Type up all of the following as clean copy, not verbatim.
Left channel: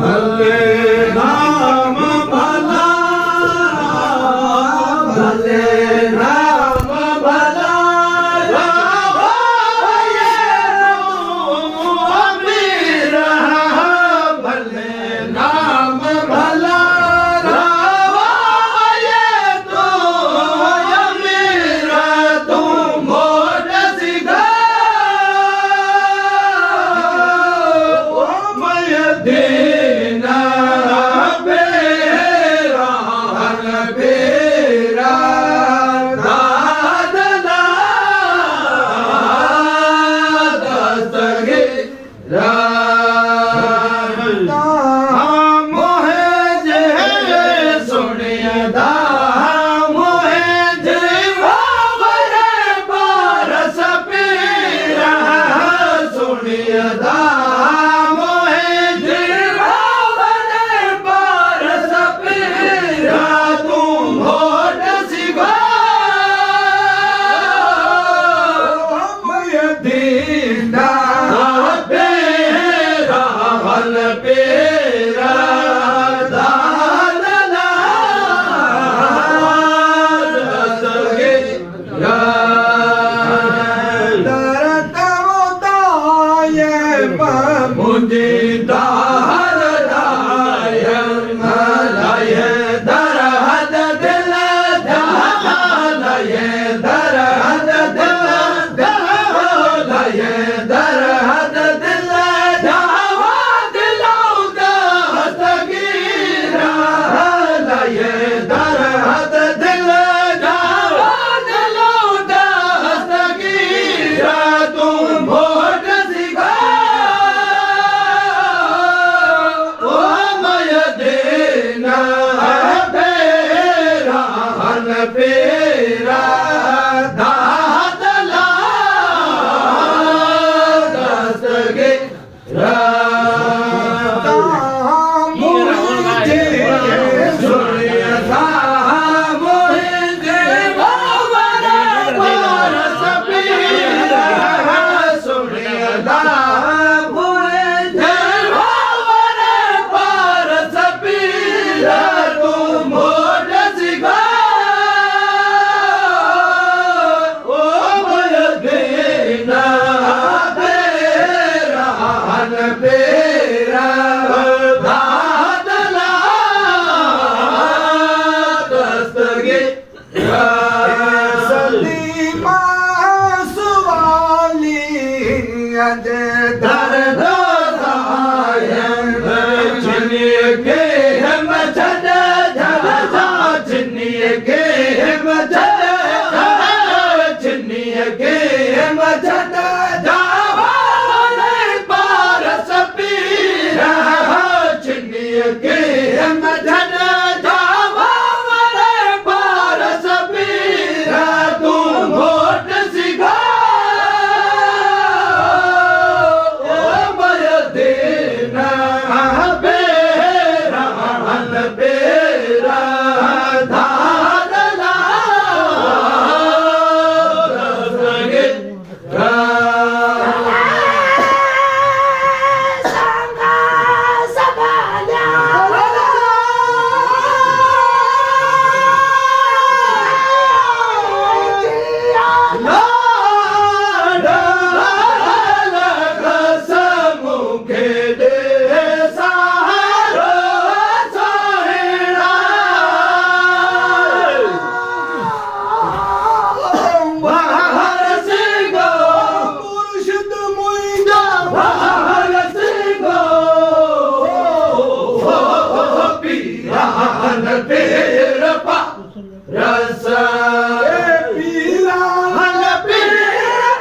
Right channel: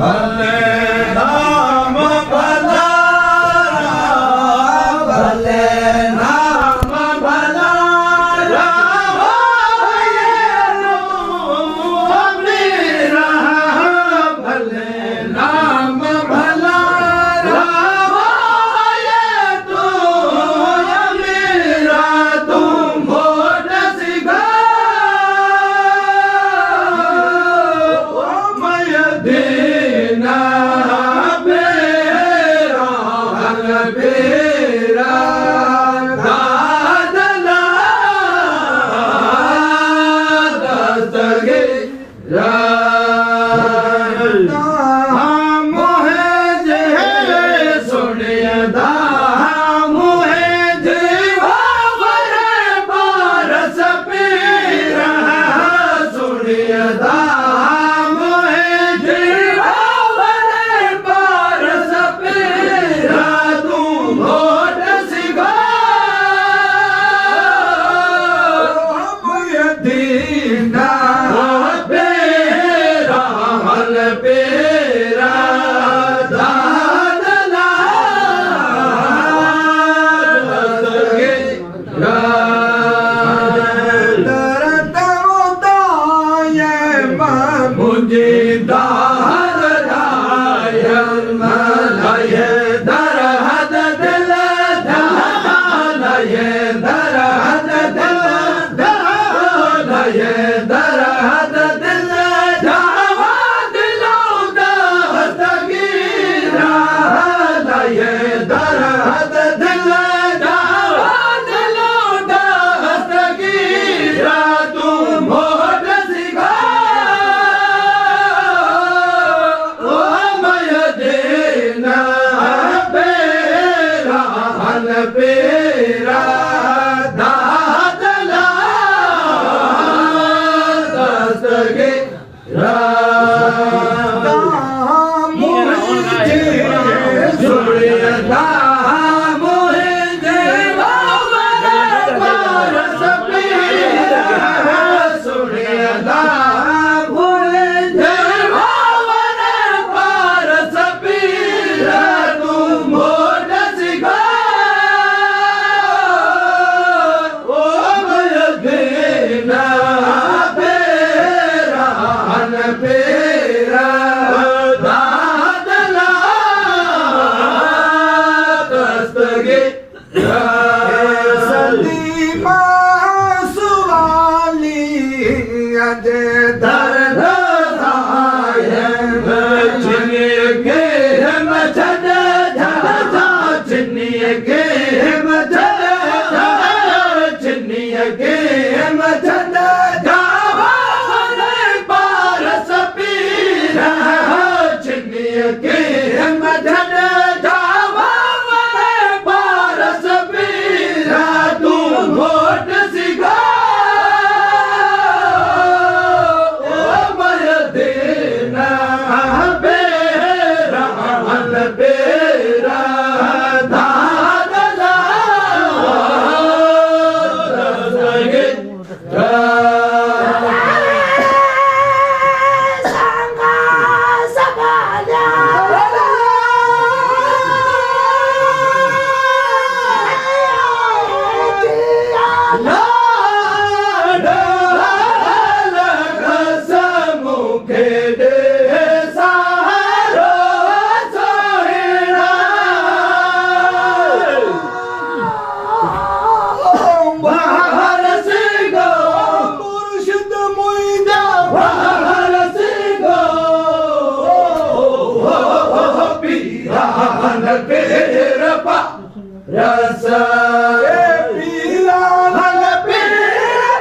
भले नाम भला भले नाम भला रावाये मेरा भले नाम भला रावाये तो मेरा तुम भोट सिगा देना बेरा हल बेरा दादला दस्तगे मोहे जे सुनियदा मोहे जीवा बरे बारस पीरा सुनियदा दीना बेरा हल बेरा दादला दस्तगे दरद उदाये मुझे दार दायम मलाये दरहद दिल दालाये दरहद दिल ये दरहद दिल जावा दिलों दस्तगीरा ये दरहद दिल जावा दिलों दस्तगीरा तुम भोट सिगा ओ मय देना बेरा हल बेरा बेरा दादला दस्तगे सलीमा सुवाली अज दर्द छिनिए के हम छद झलसा छिनिए के हम छद छिनिए के हम छद के हम धन जावा मरे पारस पीरा तुम भोट सिगा ओ मय देना बेरा हल बेरा दादला दस्तगे Pirapa rasa pirahan pirapa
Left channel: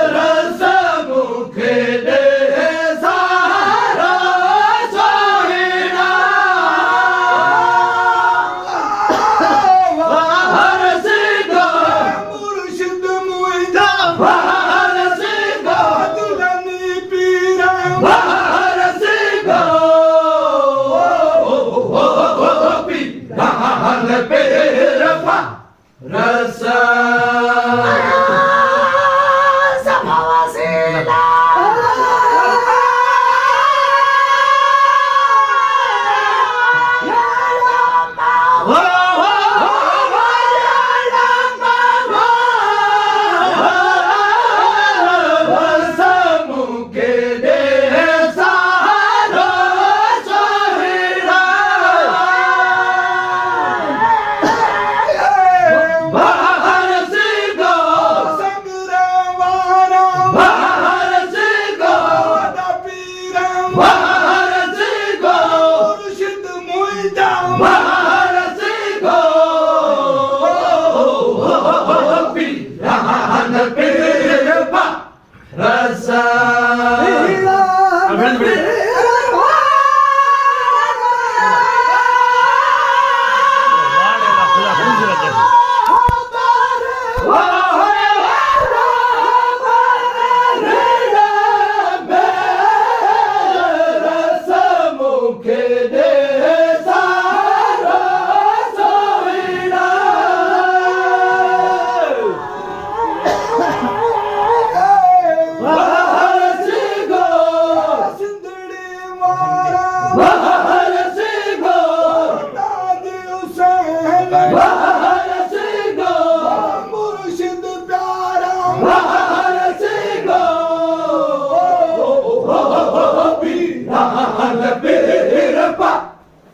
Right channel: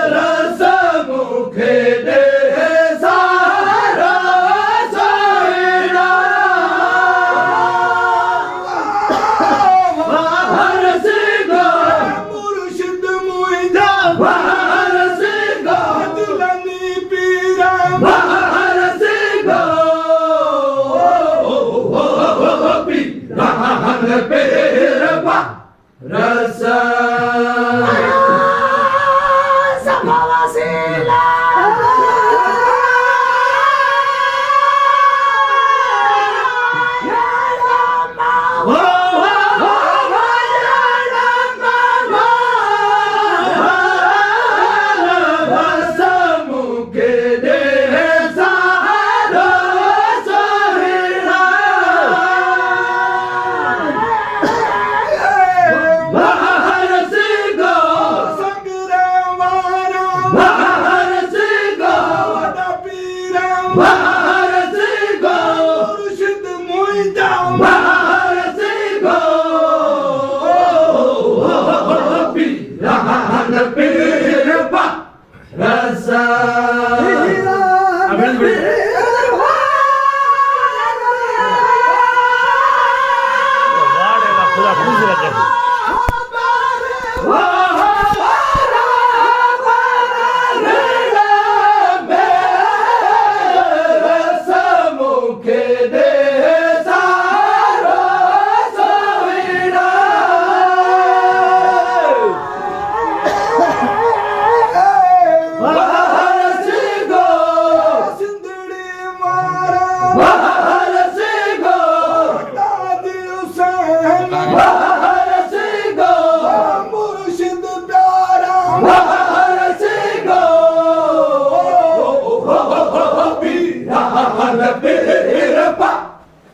rasa mukhe de sahara Wahara rasa sama wasila ya lama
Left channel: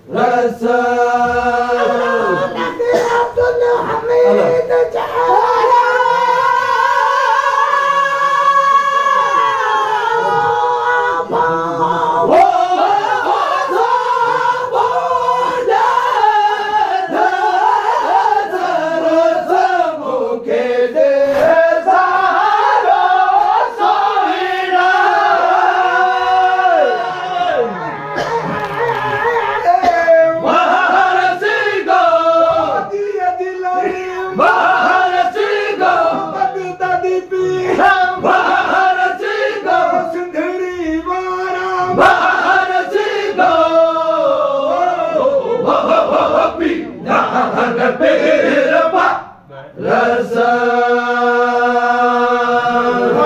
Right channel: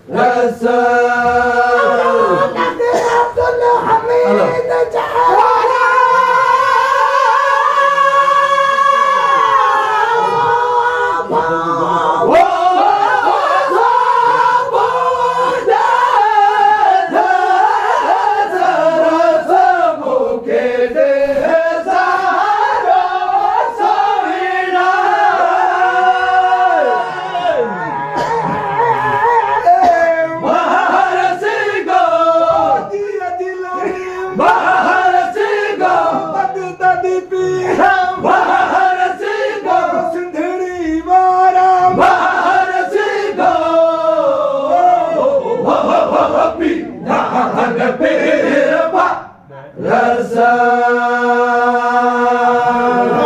rasa